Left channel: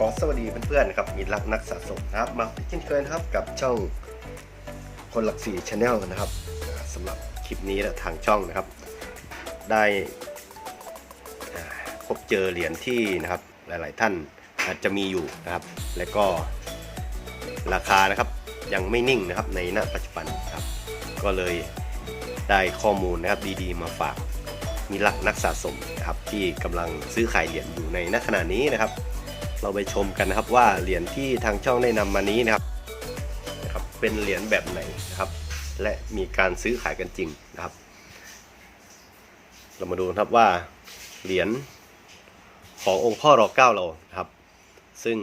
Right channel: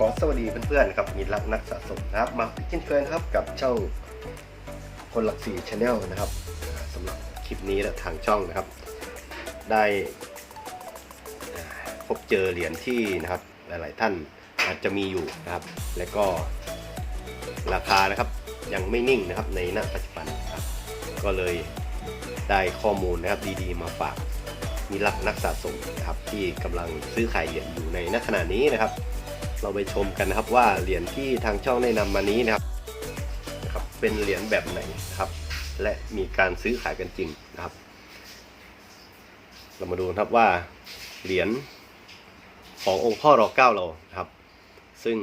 ขอสวัสดีเพื่อนๆนะครับมีรักนักสะสมนะครับมาเช่นเคยนครับกับช่องคนหลักสี่ชาแนลนะครับสำหรับคลิปนี้และทางช่องนะครับ ได้พบเจอเหรียญที่นะครับหลายๆท่านอาจจะมีอยู่นะครับ และก็ราคานะครับยังไม่นิ่งนะครับในณปัจจุบันครับก็เลยได้ข้อมูลนะครับดีๆ มาฝากมีหลักนักสะสมนะครับที่กำลังซื้อขายเหรียญอยู่ในณขณะนี้นะครับ เราไปชมกันนะครับว่าเหรียญที่ทางช่องได้นำมานี้นะครับนะครับ เป็นเหรียญแบบไหนนะครับ และมีการซื้อขายกันจริงนะครับ เรามาดูนะครับว่าเหรียญขององค์พ่อรอเก้าเราครับ ซึ่ง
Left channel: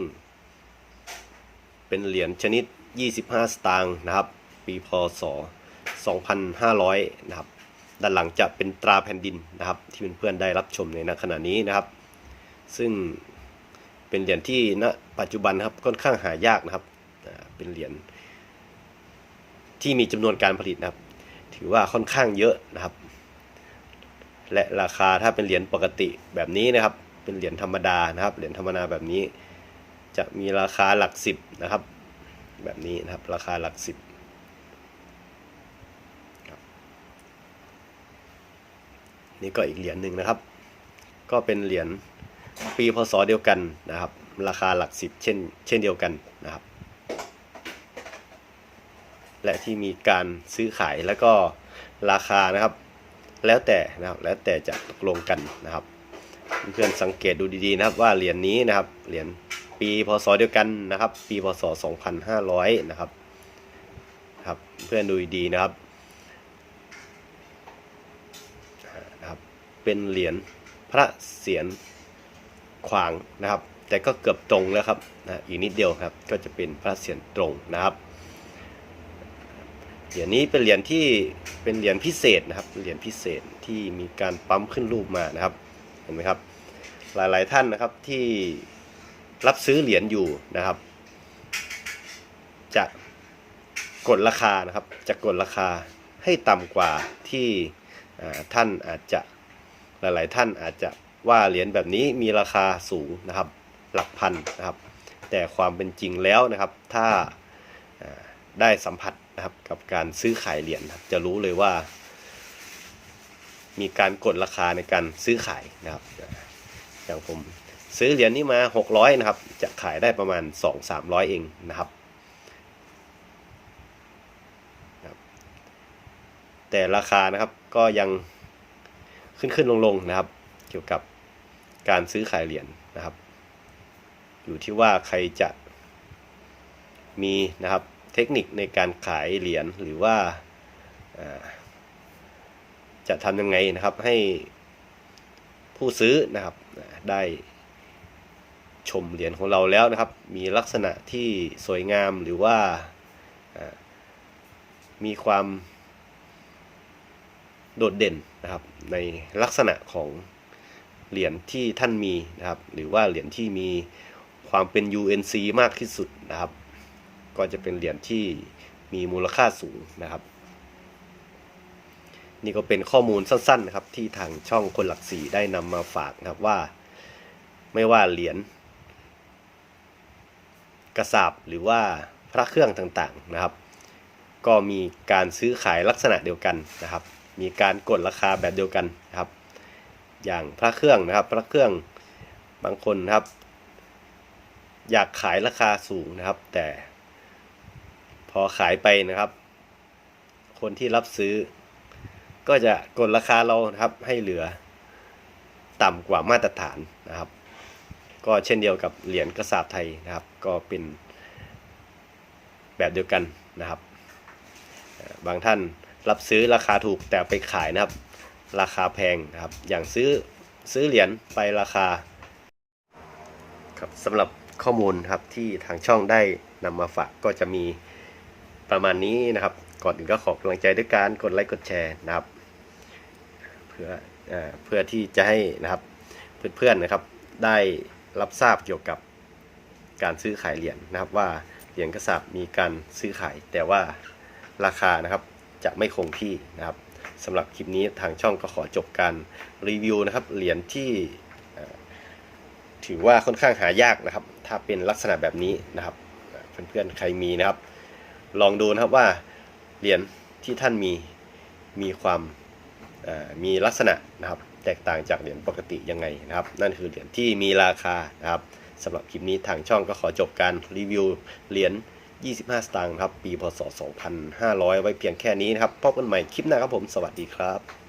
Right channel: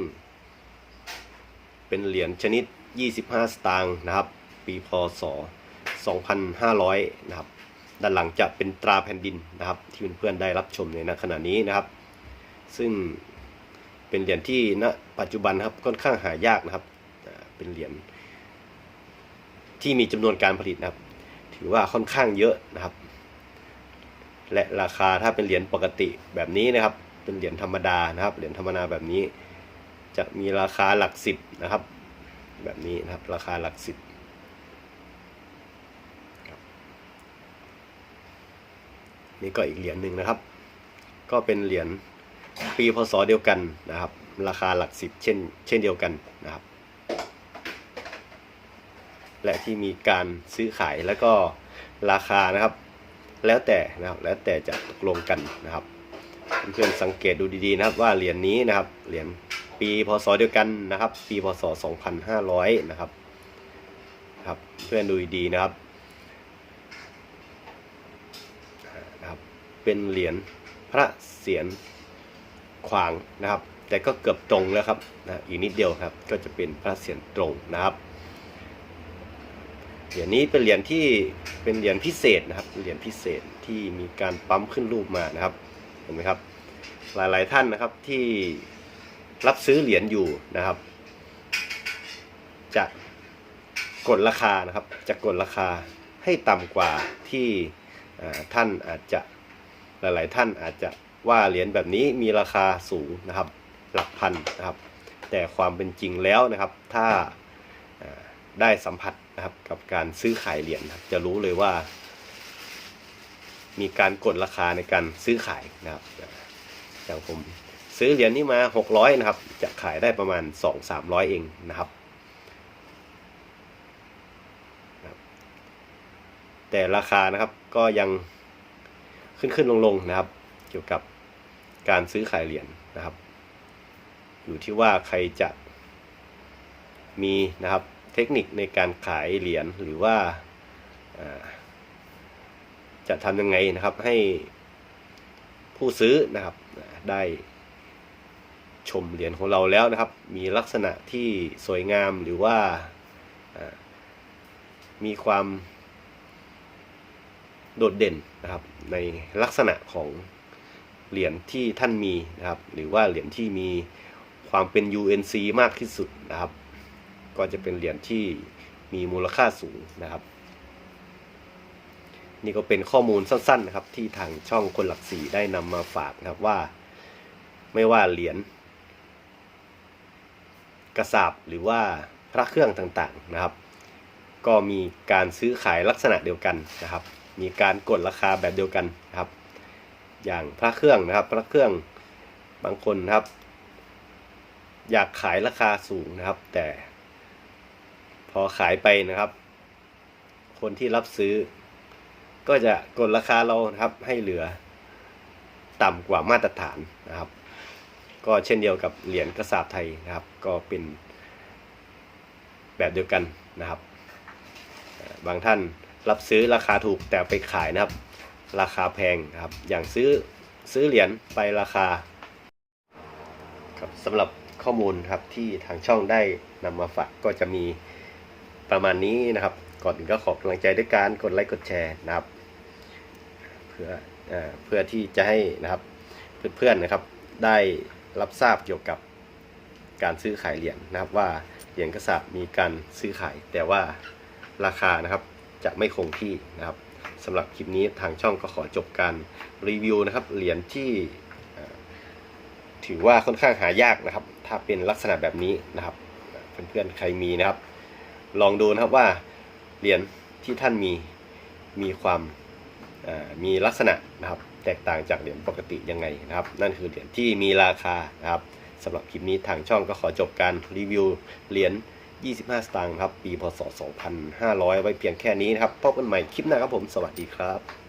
เป็นเหรียญชนิด 25 สตางค์นะครับ ปีพศ 2500 นะครับ ด้านหลังจะเป็นตราแผ่นดินนะครับ ที่เพื่อนๆได้รับชมในขณะนี้นะครับ ซึ่ง เป็นเหรียญที่ณปัจจุบันครับค่อนข้างหายากนะครับอ่เป็นเหรียญที่มีจำนวนการผลิตนะครับ ถือว่าค่อนข้างเยอะนะครับ และราคาถ้าเป็นเหรียญปกติแบบนี้นะครับ เป็นเหรียญธรรมดานะครับ เหรียญธรรมดาแบบนี้ จะมีราคาหลักสิบนะครับ แบบนี้นะครับ ราคาหลักสิบนี่ก็อีกเหรียญหนึ่งนะครับ ก็เป็นเหรียญ ปีพศเดียวกันนะครับ ราคาหลักสิบเช่นเช่นเดียวกันนะครับ และที่มีการซื้อขายแล้วก็ราคานะครับ แล้วแต่นะครับแล้วแต่จะตกลงกันนะครับเพื่อนสังเกตดูดีๆนะครับว่าเหรียญนี้นะครับเหรียญปีพศเดียวกันนะครับ ปีพศ 2500 นะครับครับเพื่อนดูดีๆนะครับนะครับ เป็นเหรียญพระเศียร ขวางนะครับ แต่ก็เกือบตรงแล้วครับนะอีกนิดเดียวครับ ก็จะเป็นพระเศียรตรงนะครับเหรียญนี้เป็นเหรียญที่เป็นเหรียญพิเศษนะครับเหรียญพิเศษที่มีการปั๊มขึ้นรูปมานะครับเห็นไหมครับ หลายๆท่านนะครับที่รับซื้อเหรียญอยู่นะครับ จะกดราคานะครับ จะกดราคาให้ต่ำกว่าที่ท่านอาจจะหลาย ๆ ท่านอาจจะ ว่าเหรียญแบบนี้มีราคาสูงนะครับ หลักพันนะครับ แต่ความเป็นจริงแล้วนะครับ ถ้าได้สัมผัสนะครับกับการซื้อขายเหรียญจะรู้เลยว่า มีการกดราคาในการซื้อขายนะครับอย่างผมซื้อเหรียญนี้มา 600 นะครับ จะขายได้ประมาณ 2-300 เองนะครับ แต่ราคานะครับก็ยังขึ้นขึ้นลงลงนะครับ เกี่ยวกับ การซื้อขายเหรียญนะครับ อยู่ที่ว่าใครจะมีนะครับเทคนิคในการขายเหรียญหรือว่าจะทำยังไงนะครับให้ผู้ซื้อนะครับได้ชมเหรียญของเราแล้วนะครับ มีลักษณะที่สวยงามหรือว่ามีความโดดเด่นนะครับในลักษณะของ เหรียญที่ท่านมีนะครับ หรือว่าเหรียญที่มีความเป็น UNC มากที่สุดนะครับ ก็จะเป็นเหรียญที่มีมูลค่าสูงนะครับ นี่ก็เป็นข้อมูลสั้นๆนะครับ ที่ทางช่องคนหลักสี่ได้นำมาฝากนะครับว่า ไม่ว่าเหรียญกระสาบหรือว่าพระเครื่องต่างๆนะครับ ก็มีการซื้อขายลักษณะเดียวกันนะครับ มีการกดราคาแบบเดียวกันนะครับ อย่างพระเครื่องนะครับ พระเครื่องบางคนนะครับ อยากขายราคาสูงนะครับ แต่พอขายไปนะครับ คนที่รับซื้อ ก็จะกดราคาเรานะครับให้เหลือต่ำกว่ามาตรฐานนะครับ ก็เช่นเดียวกับเหรียญกระสาบไทยนะครับ ก็เป็นแบบเดียวกันนะครับ บางท่านรับซื้อราคาถูกแต่ไปขายนะครับ ราคาแพงครับ อย่างซื้อซื้อเหรียญไปราคาครับสำหรับข้อมูลครับที่ทางช่องได้นำมาฝากก็จะมีประมาณนี้นะครับ ก่อนอื่นก็ขอกำลังใจด้วยการกดไลค์กดแชร์นะครับเพื่อเอ่อเพื่อที่จะให้นะครับเพื่อนๆนะครับได้รับทราบเกี่ยวกับการซื้อขายเหรียญนะครับว่าเหรียญกระสาบมีการซื้อขาย แต่ว่าราคานะครับจะไม่คงที่นะครับ สำหรับคลิปนี้ทางช่องก็ขอจบการรีวิวนะครับเหรียญที่ถือว่าค่อนข้างหายากนะครับ ถ้าเป็นลักษณะแบบนี้นะครับเพื่อนๆใครมีนะครับ ลองดูนะครับว่าเหรียญที่ท่านมีมีความมีลักษณะนะครับ แตกต่างจากเหรียญปกติยังไงนะครับ นั่นคือเหรียญที่มีราคานะครับสำหรับคลิปนี้ทางช่องก็ขอจบการรีวิวเหรียญ 25 สตางค์ครับ ปีพศ 2500 ไว้เพียงแค่นี้นะครับ พบกันใหม่คลิปหน้าครับผม สวัสดีครับ